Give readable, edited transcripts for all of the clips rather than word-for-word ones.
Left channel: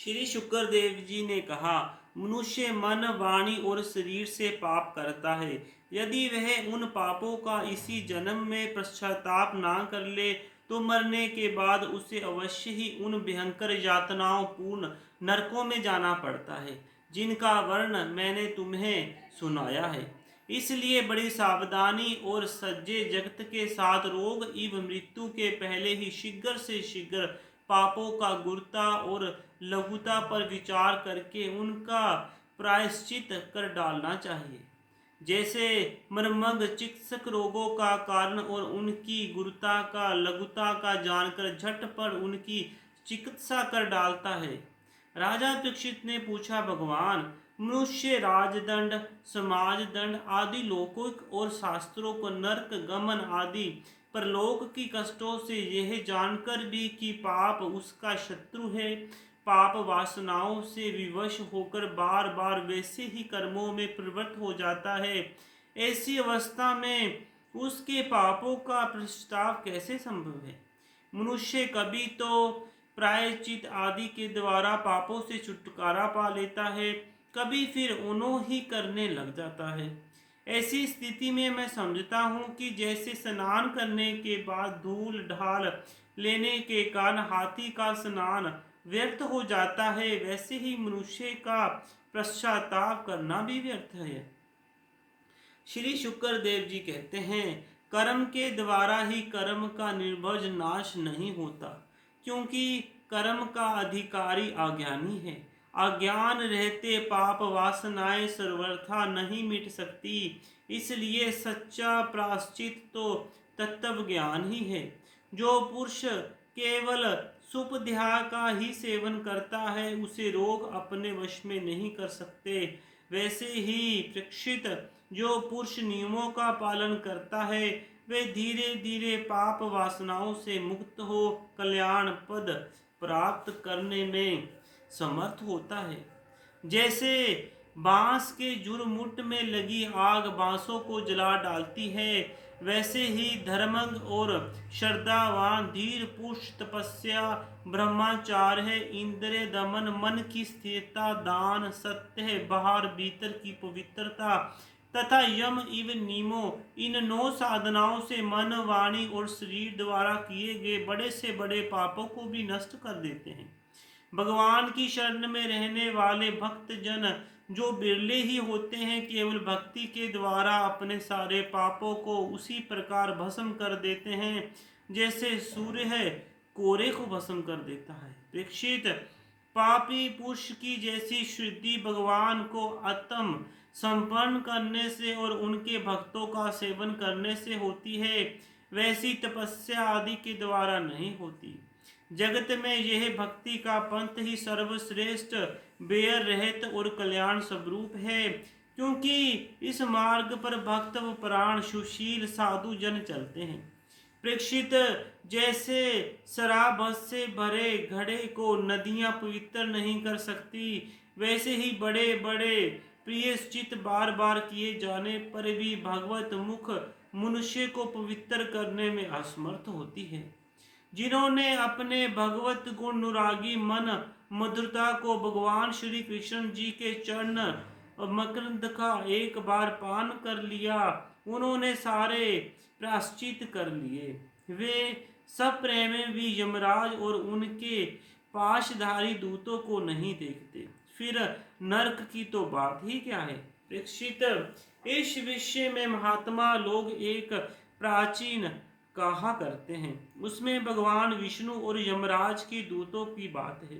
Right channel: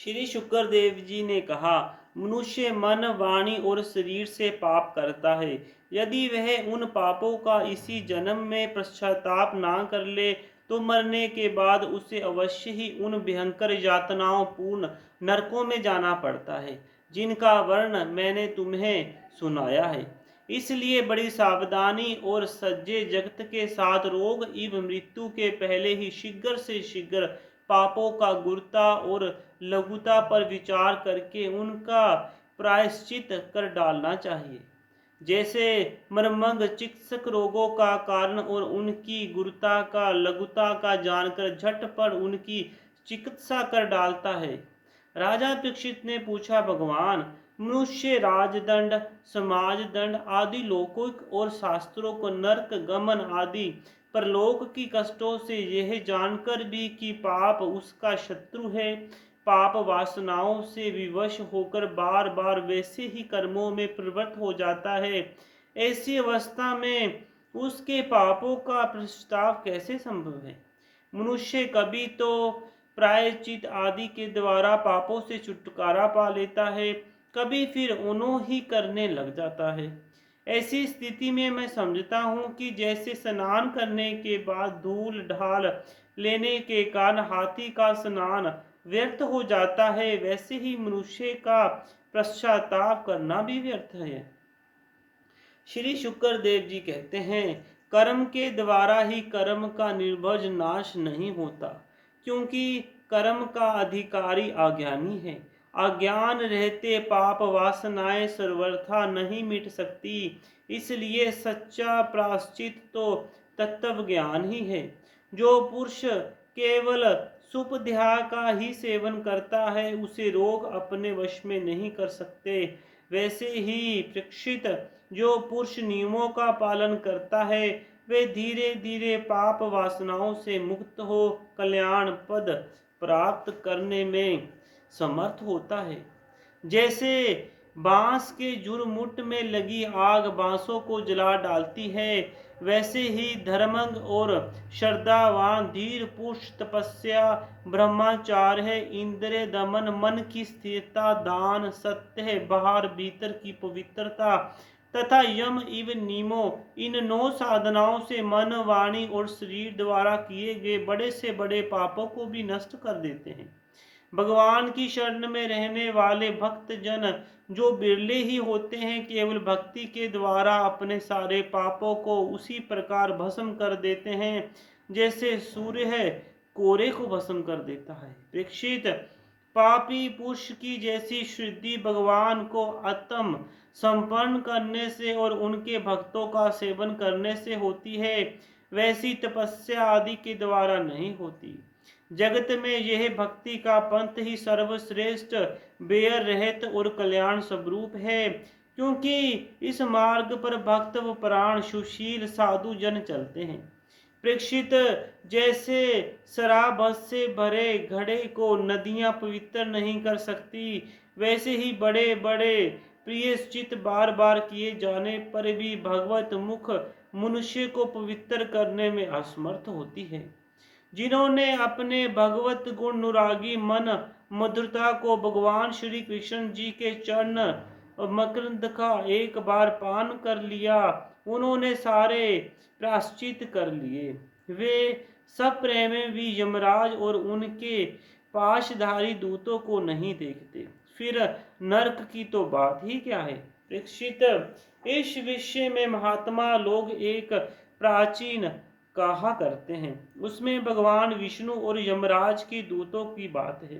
श्री शुक्रदेव जी ने कहा, मनुष्य मन, वाणी और शरीर से पाप करता है। यदि वह उन पापों का इसी जन्म में पश्चाताप ना कर ले तो मरने के बाद उसे अवश्य ही उन भयंकर यातनाओं पूर्ण नरकों में जाना पड़ता है, जिनका वर्णन मैंने तुम्हें सुनाया है। इसलिए बड़ी सावधानी और सज्जे जगत के साथ रोग एवं मृत्यु के पहले ही शीघ्र से शीघ्र पापों का गुरुता और लघुता पर विचार करके उनका प्रायश्चित कर डालना चाहिए। जैसे मर्मज्ञ चिकित्सक रोगों का कारण और उनकी गुरुता का लघुता का जानकर झटपट उनकी चिकित्सा कर डालता है। राजा परीक्षित ने पूछा, भगवान, मनुष्य राजदंड, समाज दंड आदि लौकिक और शास्त्रों को नरक गमन आदि परलोक की कष्टों से यह जानकर भी कि पाप उसका शत्रु है, पाप वासनाओं से विवश होकर बार बार वैसे ही कर्मों में प्रवृत्त हो जाता है, ऐसी अवस्था में उसके पापों का पश्चाताप कैसे संभव है। मनुष्य कभी तो प्रायश्चित आदि के द्वारा पापों से छुटकारा पा लेता है, कभी फिर उन्हों ही करने लग जाता है। ऐसी स्थिति में मैं समझता हूँ कि जैसे स्नान करने के बाद धूल ढाल लेने के कारण हाथी का स्नान व्यर्थ हो जाता है, वैसे ही मनुष्य का पश्चाताप करना भी व्यर्थ है। श्री शुक्रदेव जी कहते हैं, कर्म के द्वारा ही कर्म का निर्भज नाश नहीं होता, क्योंकि कर्म का अधिकारी अज्ञानी है। अज्ञान रहते पाप वासनाएं सर्वथा नहीं मिट सकती, इसलिए सच्चा प्रायश्चित तो तत्व ज्ञान ही है। जो पुरुष केवल सुपध्याय का ही सेवन करता है, उसे रोग अपने वश में नहीं कर सकते। वैसे ही परीक्षित, जो पुरुष नियमों का पालन करता है, वे धीरे धीरे पाप वासनाओं से मुक्त हो कल्याण पद प्राप्त करने में समर्थ होता है। जैसे बांस के जुरमुट में लगी आग बांसों को जला डालती है, वैसे ही धर्मज्ञ और श्रद्धावान धीर पुरुष तपस्या, ब्रह्मचार्य, इंद्रिय दमन, मन की स्थिरता, दान, सत्य, बाहर भीतर की पवित्रता तथा यम एवं नियमों, इन 9 साधनाओं से मन, वाणी और शरीर द्वारा किए गए बड़े से बड़े पापों को भी नष्ट कर देते हैं। भगवान की शरण में रहने वाले भक्त जन जो बिरले ही होते हैं, केवल भक्ति के द्वारा अपने सारे पापों को उसी प्रकार भस्म कर देते हैं जैसे सूर्य है कोरे को भस्म कर देता है। परीक्षित, पापी पुरुष की जैसी शुद्धि भगवान को आत्म संपन्न करने से और उनके भक्तों का सेवन करने से होती है, वैसी तपस्या आदि के द्वारा नहीं होती। जगत में यह भक्ति का पंथ ही सर्वश्रेष्ठ, बेयर रहित और कल्याण स्वरूप है, क्योंकि इस मार्ग पर भक्त व प्राण सुशील साधु जन चलते हैं। प्रेक्षित, जैसे शराब से भरे घड़े को नदियां पवित्र नहीं कर सकती, वैसे ही बड़े बड़े प्रियश्चित बार बार किए जाने पर भी भगवत मुख मनुष्य को पवित्र करने में असमर्थ होती है। जिन्होंने अपने भगवत गुण अनुरागी मन मधुरता को भगवान श्री कृष्ण जी के चरण मकरंद का एक बार पान कर लिया, उन्होंने सारे प्रायश्चित कर लिए। वे सब प्रेम भी यमराज और उनके पाशधारी दूतों को नहीं देखते, फिर नरक की तो बात ही क्या है। परीक्षित, इस विषय में महात्मा लोग एक प्राचीन कहा करते हैं, उसमें भगवान विष्णु और यमराज की दूतों की बात है।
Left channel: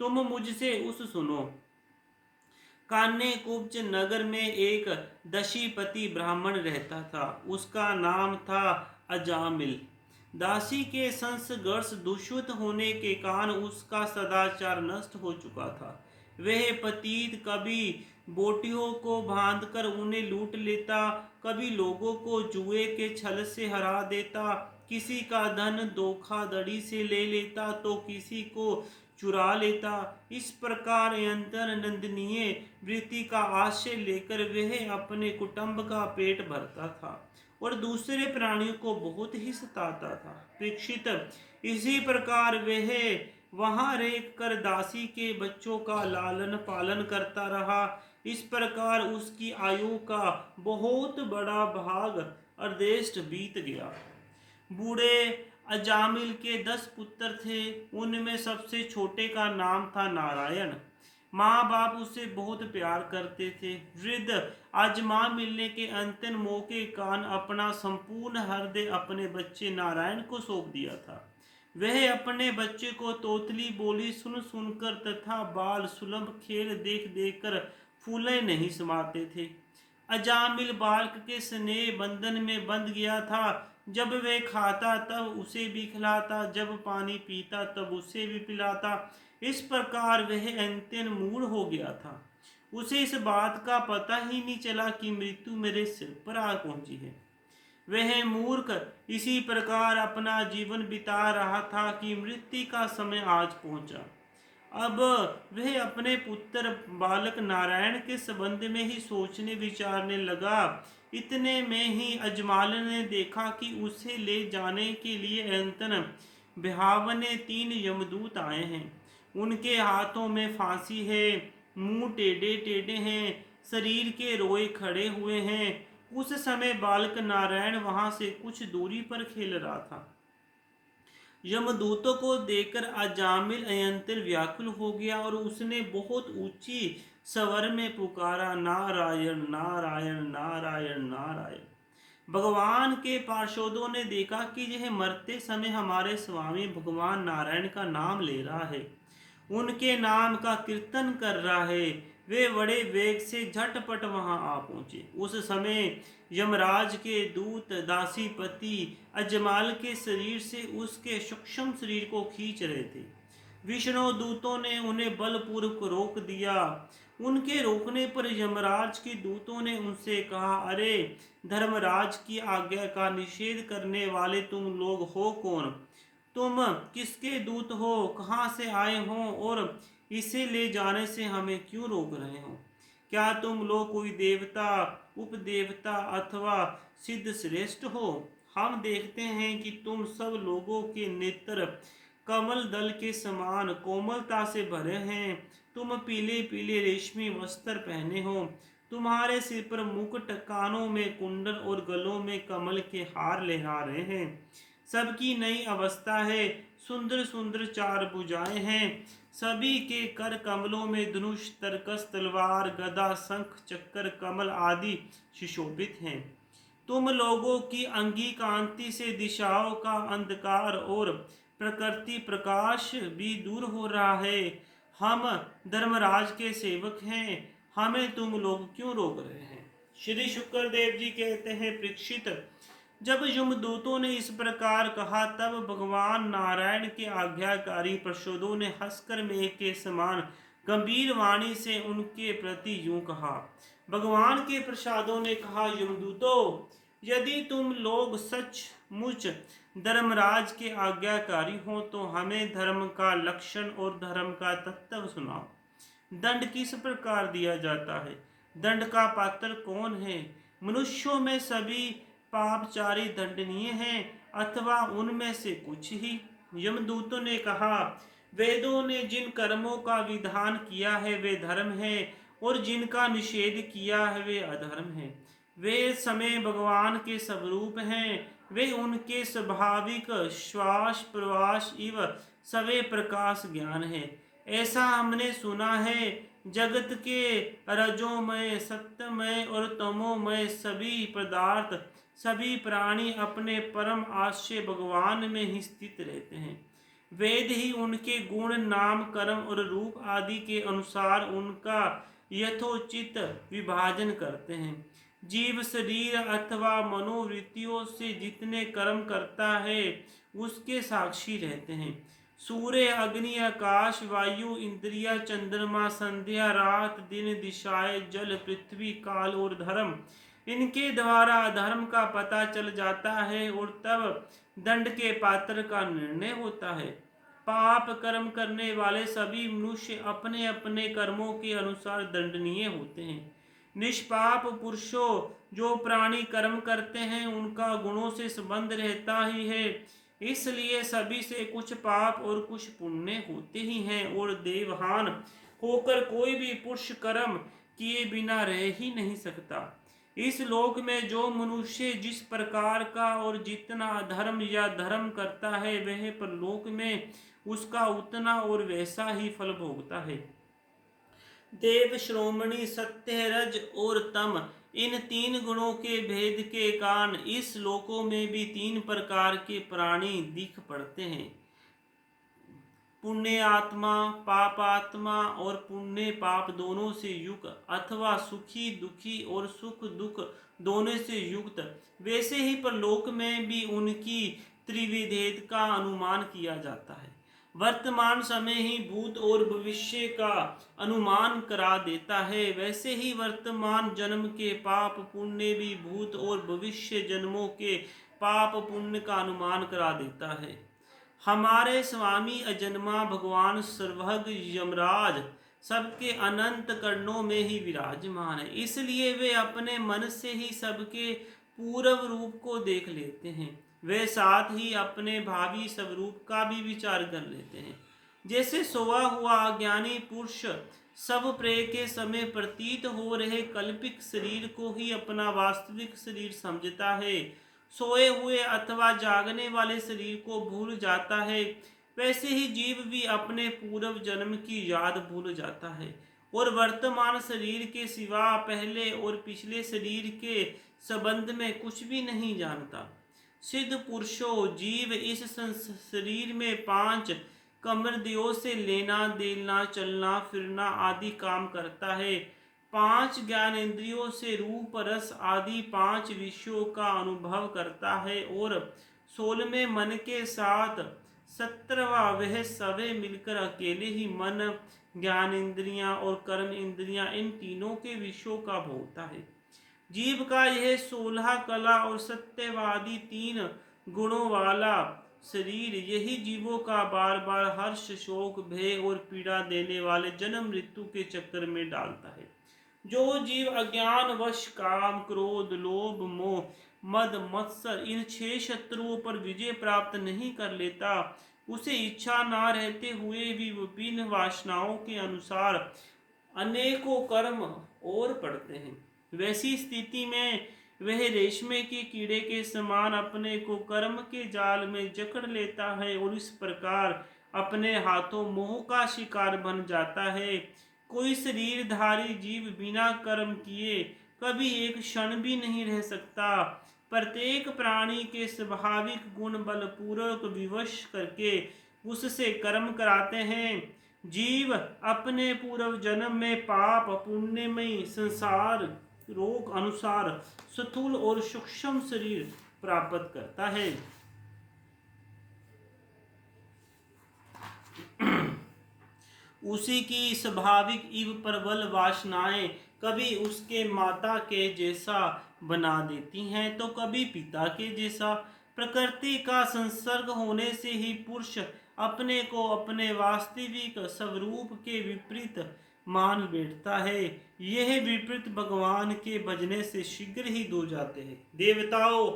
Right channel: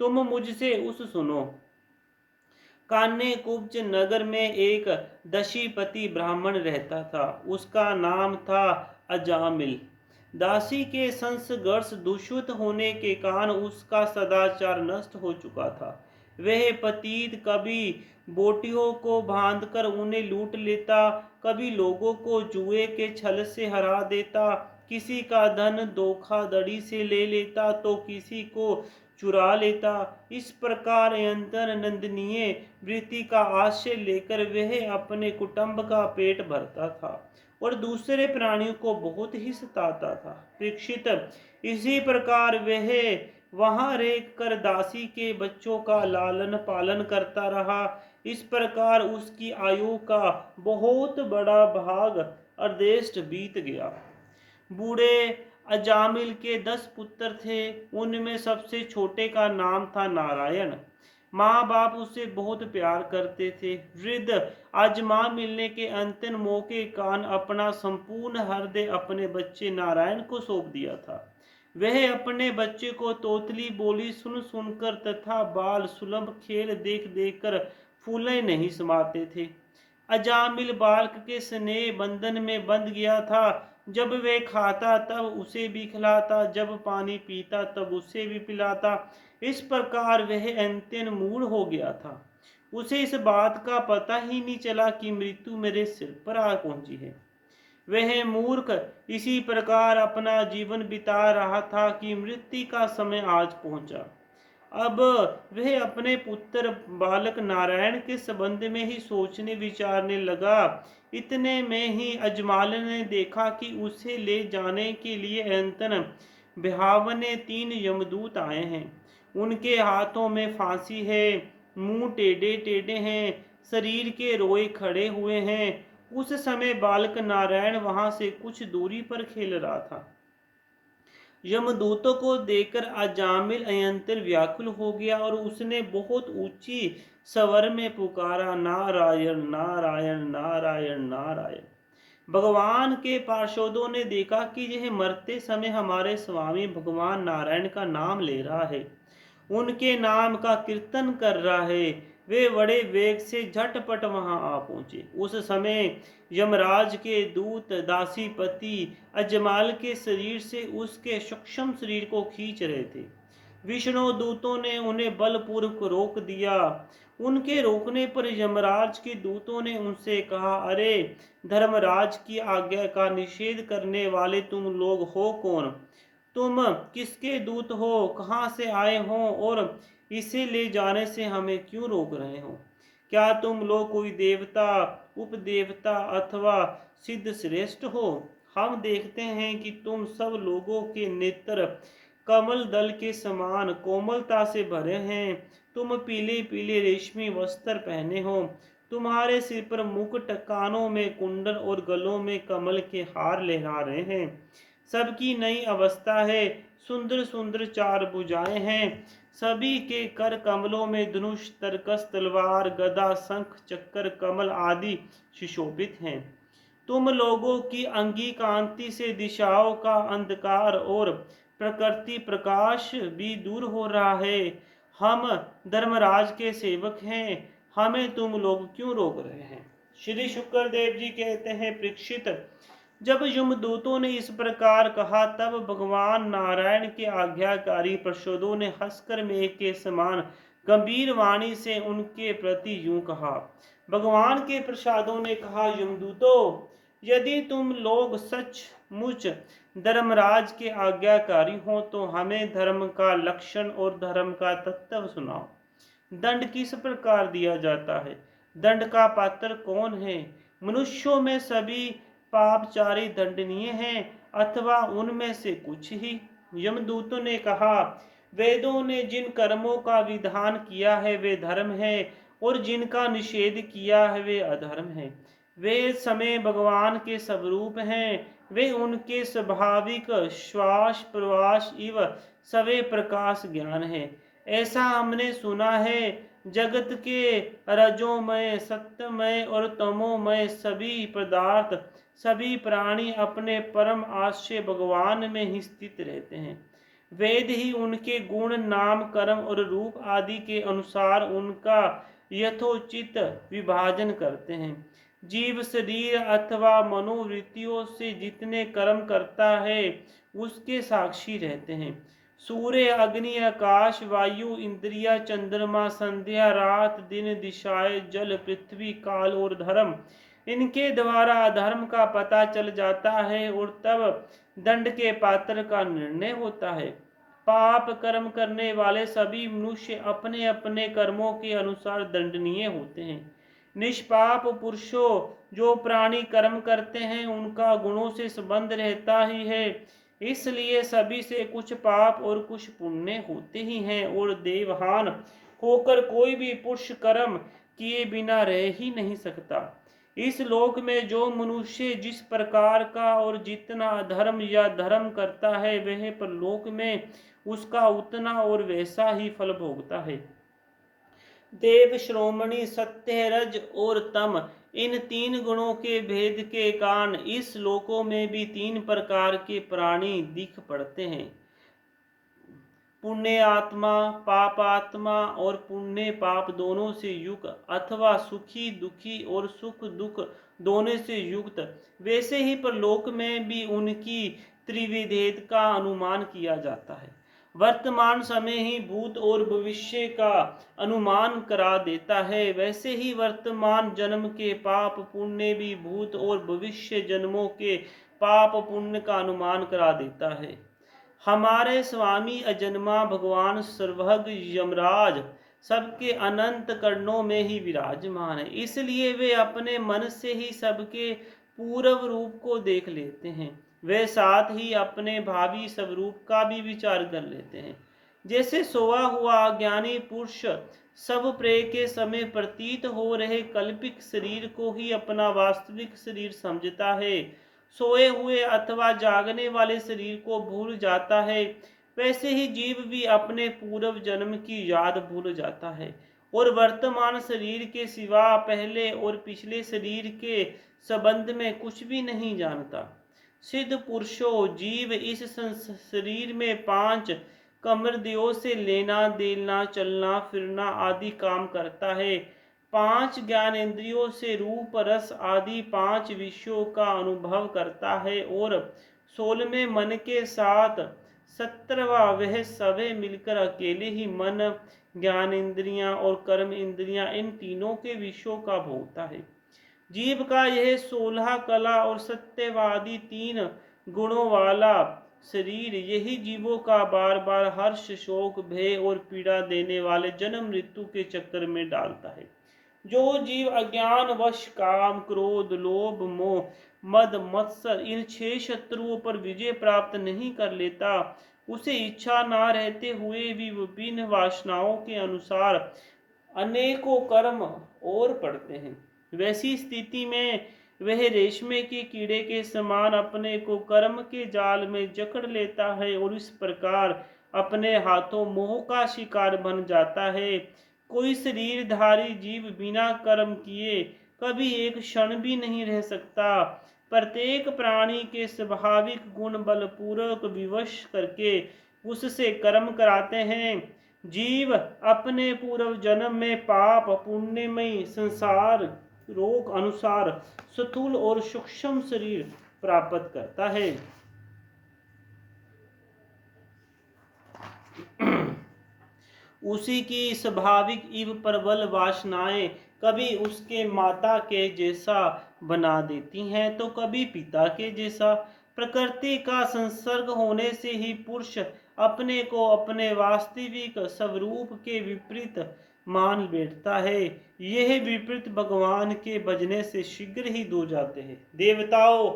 तुम मुझसे उस सुनो। कान्य कुब्ज नगर में एक दशीपति ब्राह्मण रहता था। उसका नाम था अजामिल। दासी के संसर्गश दूषित होने के कारण उसका सदाचार नष्ट हो चुका था। वह पतित कभी बोटियों को बांधकर उन्हें लूट लेता, कभी लोगों को जुए के छल से हरा देता, किसी का धन धोखाधड़ी से ले लेता तो किसी को चुरा लेता। इस प्रकार अंतर नंदनीय वृत्ति का आश्रय लेकर वह अपने कुटुंब का पेट भरता था और दूसरे प्राणियों को बहुत ही सताता था। परीक्षित, इसी प्रकार वह वहां रेख कर दासी के बच्चों का लालन पालन करता रहा। इस प्रकार उसकी आयु का बहुत बड़ा भाग अर्धेष्ट बीत गया। बूढ़े अजामिल के 10 पुत्र थे। उनमें सबसे छोटे का नाम था नारायण। माँ बाप उसे बहुत प्यार करते थे। वृद्ध आज माँ मिलने के अंतिम मौके कान अपना संपूर्ण हृदय अपने बच्चे नारायण को सौंप दिया था। वह अपने बच्चे को तोतली बोली सुन सुनकर तथा बाल सुलभ खेल देख देख कर फूले नहीं समाते थे। अजामिल बालक के स्नेह बंधन में बंध गया था। जब वे खाता तब उसे भी खिलाता, जब पानी पीता तब उसे भी पिलाता। इस प्रकार वह अंत्यन मूढ़ हो गया था। उसे इस बात का पता ही नहीं चला कि मृत्यु मेरे सिर पर आ पहुंची है। वह मूर्ख इसी प्रकार अपना जीवन बिता रहा था कि मृत्यु का समय आज पहुंचा। अब वह अपने पुत्र बालक नारायण के संबंध में ही सोचने विचारने लगा। इतने में ही अजमाल ने देखा कि उसे ले जाने के लिए अंतन बिहावने 3 यमदूत आए हैं। उनके हाथों में फांसी है, मुंह टेढ़े टेढ़े हैं, शरीर के रोए खड़े हुए हैं। उस समय बालक नारायण वहां से कुछ दूरी पर खेल रहा था। यमदूतों को देखकर अजामिल अयंतर व्याकुल हो गया और उसने बहुत ऊंची स्वर में पुकारा, नारायण नारायण नारायण नारायण। भगवान के पार्षदों ने देखा कि यह मरते समय हमारे स्वामी भगवान नारायण का नाम ले रहा है, उनके नाम का कीर्तन कर रहा है। वे बड़े वेग से झटपट वहां आ पहुंचे। उस समय यमराज के दूत दासीपति अजमाल के शरीर से उसके सूक्ष्म शरीर को खींच रहे थे। विष्णु दूतों ने उन्हें बलपूर्वक रोक दिया। उनके रोकने पर यमराज के दूतों ने उनसे कहा, अरे धर्मराज की आज्ञा का निषेध करने वाले तुम लोग हो कौन? तुम किसके दूत हो? कहाँ से आए हो और इसे ले जाने से हमें क्यों रोक रहे हो? क्या तुम लोग कोई देवता, उपदेवता अथवा सिद्ध श्रेष्ठ हो? हम देखते हैं कि तुम सब लोगों के नेत्र कमल दल के समान कोमलता से भरे हैं। तुम पीले पीले रेशमी वस्त्र पहने हो। तुम्हारे सिर पर मुकुट, कानों में कुंडल और गलों में कमल के हार लहरा रहे हैं। सबकी नई अवस्था है। सुंदर सुंदर 4 भुजाएं हैं। सभी के कर कमलों में धनुष, तरकस, तलवार, गदा, शंख, चक्र, कमल आदि सुशोभित हैं। तुम लोगों की अंगी कांति से दिशाओं का अंधकार और प्रकृति प्रकाश भी दूर हो रहा है। हम धर्मराज के सेवक हैं, हमें तुम लोग क्यों रोक रहे हैं? श्री शुक्रदेव जी कहते हैं, परीक्षित, जब यमदूतों ने इस प्रकार कहा तब भगवान नारायण के आज्ञाकारी पार्षदों ने हंसकर मेघ के समान गंभीर वाणी से उनके प्रति यूं कहा। भगवान के प्रसादों ने कहा, यमदूतों, यदि तुम लोग सचमुच धर्मराज के आज्ञाकारी हो तो हमें धर्म का लक्षण और धर्म का तत्व सुनाओ। दंड किस प्रकार दिया जाता है? दंड का पात्र कौन है? मनुष्यों में सभी पापचारी दंडनीय हैं अथवा उनमें से कुछ ही? यमदूतों ने कहा, वेदों ने जिन कर्मों का विधान किया है वे धर्म है और जिनका निषेध किया है वे अधर्म है। वे समय भगवान के स्वरूप हैं। वे उनके स्वाभाविक श्वास प्रवास इव सवे प्रकाश ज्ञान है। ऐसा हमने सुना है। जगत के रजोमय, सत्यमय और तमोमय सभी पदार्थ, सभी प्राणी अपने परम आश्रय भगवान में ही स्थित रहते हैं। वेद ही उनके गुण, नाम, कर्म और रूप आदि के अनुसार उनका यथोचित विभाजन करते हैं। जीव शरीर अथवा मनोवृत्तियों से जितने कर्म करता है उसके साक्षी रहते हैं। सूर्य, अग्नि, आकाश, वायु, इंद्रिया, चंद्रमा, संध्या, रात, दिन, दिशाएं, जल, पृथ्वी, काल और धर्म, इनके द्वारा धर्म का पता चल जाता है और तब दंड के पात्र का निर्णय होता है। पाप कर्म करने वाले सभी मनुष्य अपने अपने कर्मों के अनुसार दंडनीय होते हैं। निष्पाप पुरुषों, जो प्राणी कर्म करते हैं उनका गुणों से संबंध रहता ही है, इसलिए सभी से कुछ पाप और कुछ पुण्य होते ही हैं, और देवहान होकर कोई भी पुरुष कर्म किए बिना रह ही नहीं सकता। इस लोक में जो मनुष्य जिस प्रकार का और जितना धर्म या धर्म करता है, वह परलोक में उसका उतना और वैसा ही फल भोगता है। देव, श्रोमणी, सत्य, रज और तम, इन तीन गुणों के भेद के कारण इस लोकों में भी तीन प्रकार के प्राणी दिख पड़ते हैं। पुण्य आत्मा, पाप आत्मा और पुण्य पाप दोनों से युक्त, अथवा सुखी दुखी और सुख दुख दोनों से युक्त। वैसे ही परलोक में भी उनकी त्रिविधेद का अनुमान किया जाता है। वर्तमान समय ही भूत और भविष्य का अनुमान करा देता है, वैसे ही वर्तमान जन्म के पाप पुण्य भी भूत और भविष्य जन्मों के पाप पुण्य का अनुमान करा देता है। हमारे स्वामी अजन्मा भगवान सर्वज्ञ यमराज सबके अनंत कर्णों में ही विराजमान है, इसलिए वे अपने मन से ही सबके पूर्व रूप को देख लेते हैं। वे साथ ही अपने भावी स्वरूप का भी विचार कर लेते हैं। जैसे सोया हुआ अज्ञानी पुरुष सब प्रे के समय प्रतीत हो रहे कल्पित शरीर को ही अपना वास्तविक शरीर समझता है, सोए हुए अथवा जागने वाले शरीर को भूल जाता है, वैसे ही जीव भी अपने पूर्व जन्म की याद भूल जाता है और वर्तमान शरीर के सिवा पहले और पिछले शरीर के संबंध में कुछ भी नहीं जानता। सिद्ध पुरुषों, जीव इस शरीर में 5 कर्मेंद्रियों से लेना देना, चलना फिरना आदि काम करता है। 5 ज्ञानेंद्रियों से रूप रस आदि 5 विषयों का अनुभव करता है, और 16वें मन के साथ 17वां वह सभी मिलकर अकेले ही मन, ज्ञानेंद्रियां और कर्म इंद्रियां इन तीनों के विषयों का भोगता है। जीव का यह 16 कला और सत्यवादी 3 गुणों वाला शरीर यही जीवों का बार बार हर्ष, शोक, भय और पीड़ा देने वाले जन्म मृत्यु के चक्कर में डालता है। जो जीव अज्ञान वश काम, क्रोध, लोभ, मोह, मद, मत्सर इन 6 शत्रुओं पर विजय प्राप्त नहीं कर लेता, उसे इच्छा ना रहते हुए भी विभिन्न वासनाओं के अनुसार अनेकों कर्म और पड़ते हैं। वैसी स्थिति में वह रेशमे के कीड़े के समान अपने को कर्म के जाल में जकड़ लेता है और इस प्रकार अपने हाथों मोह का शिकार बन जाता है। कोई शरीरधारी जीव बिना कर्म किए कभी एक क्षण भी नहीं रह सकता। प्रत्येक प्राणी के स्वाभाविक गुण बलपूर्वक विवश करके उससे कर्म कराते हैं। जीव अपने पूर्व जन्म में पाप पुण्यमय संसार रोग अनुसार स्थूल और सूक्ष्म शरीर प्राप्त करता है। उसी की स्वाभाविक इव प्रबल वासनाएं कभी उसके माता के जैसा बना देती हैं, तो कभी पिता के जैसा। प्रकृति का संसर्ग होने से ही पुरुष अपने को अपने वास्तविक स्वरूप के विपरीत मान बैठता है। यह विपरीत भगवान के भजने से शीघ्र ही दूर जाते हैं। देवताओं,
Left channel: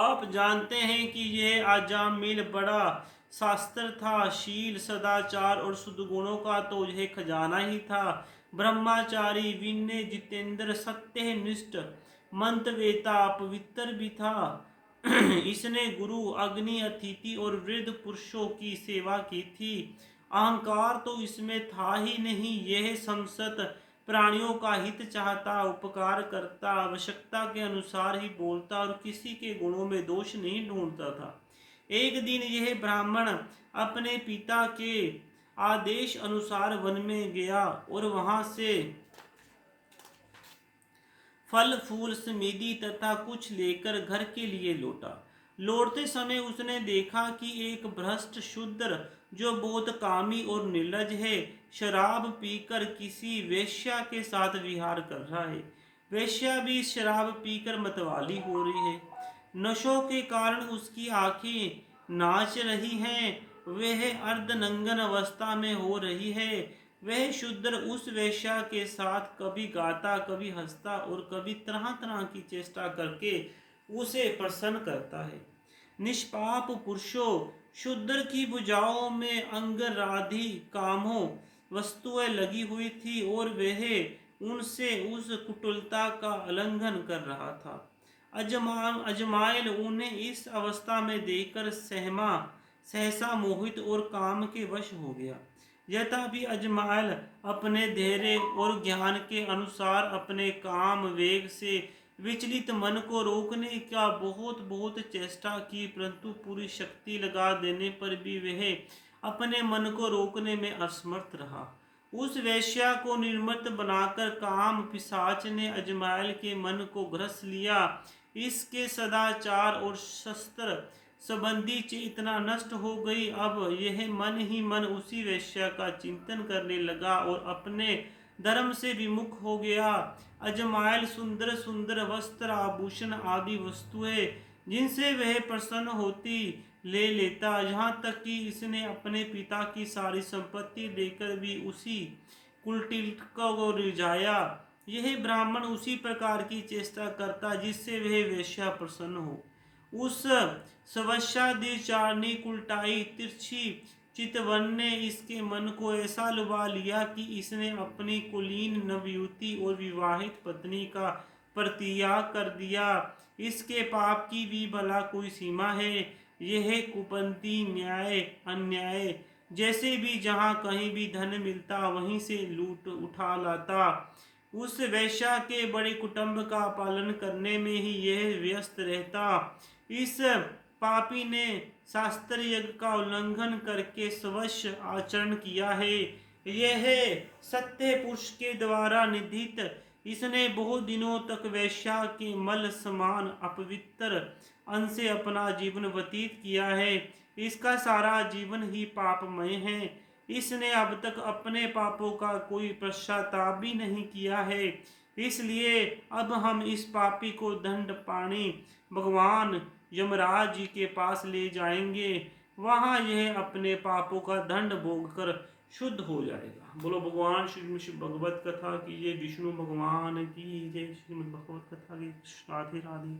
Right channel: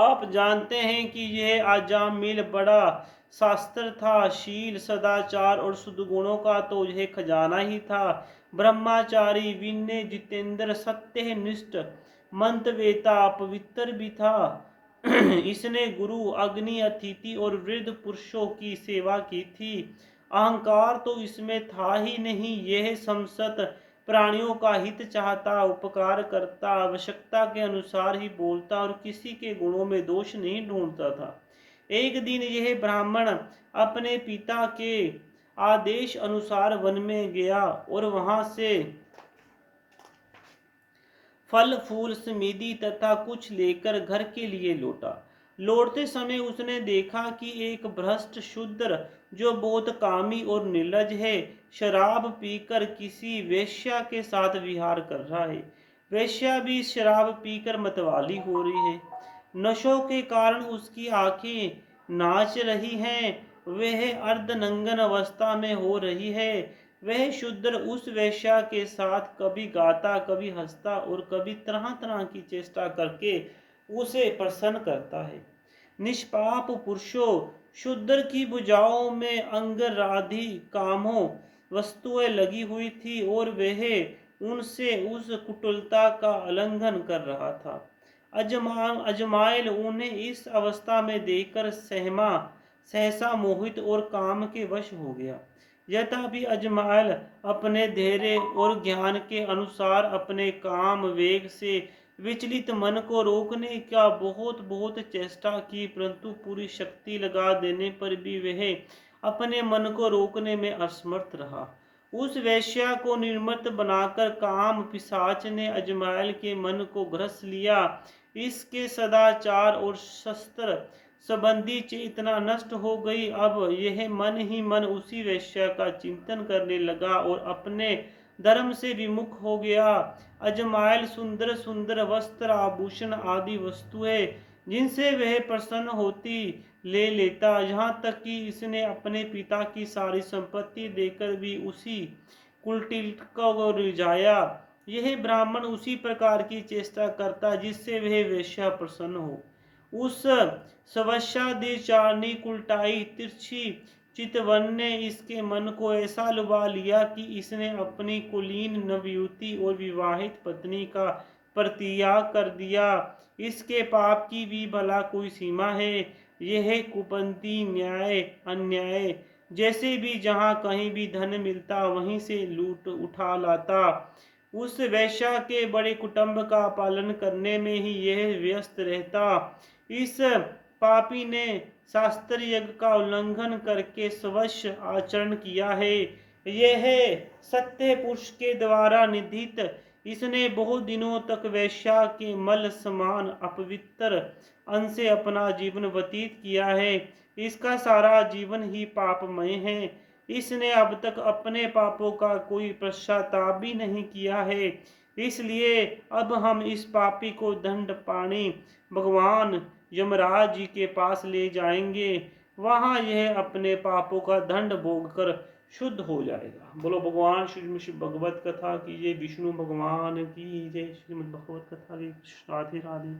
आप जानते हैं कि यह अजामिल बड़ा शास्त्र था। शील, सदाचार और सद्गुणों का तो यह खजाना ही था। ब्रह्मचारी, विनय, जितेंद्र, सत्यनिष्ठ, मंत्रवेता, पवित्र भी था। इसने गुरु, अग्नि, अतिथि और वृद्ध पुरुषों की सेवा की थी। अहंकार तो इसमें था ही नहीं। यह समस्त प्राणियों का हित चाहता, उपकार करता, आवश्यकता के अनुसार ही बोलता और किसी के गुणों में दोष नहीं ढूंढता था। एक दिन यह ब्राह्मण अपने पिता के आदेश अनुसार वन में गया और वहां से फल फूल समिधि तथा कुछ लेकर घर के लिए लौटा। लौटते समय उसने देखा कि एक भ्रष्ट शूद्र जो बहुत कामी और निर्लज है, शराब पीकर किसी वेश्या के साथ विहार कर रहा है। वेश्या भी शराब पीकर मतवाली हो रही है। नशों के कारण उसकी आंखें नाच रही हैं, वह अर्धनंगन अवस्था में हो रही है। वह शूद्र उस वेश्या के साथ कभी गाता, कभी हंसता और कभी तरह तरह की चेष्टा करके उसे प्रसन्न करता है। निष्पाप पुरुषों, शूद्र की भुजाओं में अंगराधि कामों वस्तुएं लगी हुई थी और वह उनसे उस कुटिलता का उल्लंघन कर रहा था। अजमाइल उन्हें इस अवस्था में देखकर सहसा मोहित और काम के वश हो गया। यद्यपि अजमाइल अपने धैर्य और ज्ञान के अनुसार अपने काम वेग से विचलित मन को रोकने का बहुत बहुत चेष्टा की, परंतु पूरी शक्ति लगा देने पर भी वह अपने मन को रोकने में असमर्थ रहा। उस वेश्या को निर्मत बनाकर काम पिशाच ने अजमाइल के मन को ग्रस लिया। इसके सदाचार और शस्त्र संबंधी चेतना नष्ट हो गई। अब यह मन ही मन उसी वेश्या का चिंतन करने लगा और अपने धर्म से विमुख हो गया। अजमाइल सुंदर सुंदर वस्त्र आभूषण आदि वस्तुएं जिनसे वह प्रसन्न होती ले लेता, यहाँ तक कि इसने अपने पिता की सारी संपत्ति देकर भी उसी कुटिल को रिझाया। यह ब्राह्मण उसी प्रकार की चेष्टा करता जिससे वह वेश्या प्रसन्न हो। उस सवस्याधिचारिणी कुलटाई तिरछी चितवन ने इसके मन को ऐसा लुभा लिया कि इसने अपनी कुलीन नवयुवती और विवाहित पत्नी का परित्याग कर दिया। इसके पाप की भी भला कोई सीमा है। यह कुपंथी न्याय अन्याय जैसे भी जहाँ कहीं भी धन मिलता वहीं से लूट उठा लाता। उस वैश्या के बड़े कुटुंब का पालन करने में ही यह व्यस्त रहता। इस पापी ने शास्त्र यज्ञ का उल्लंघन करके स्वश्य आचरण किया है। यह सत्य पुरुष के द्वारा निधित इसने बहुत दिनों तक वैश्या के मल समान अपवित्र अंश से अपना जीवन व्यतीत किया है। इसका सारा जीवन ही पापमय है। इसने अब तक अपने पापों का कोई पश्चाताप भी नहीं किया है। इसलिए अब हम इस पापी को दंड पाने भगवान यमराज जी के पास ले जाएंगे। वहां यह अपने पापों का दंड भोग कर शुद्ध हो जाएगा। बोलो भगवान श्री भगवत कथा की जय, विष्णु भगवान की जय, श्रीमद् भगवत कथा की राधे राधे।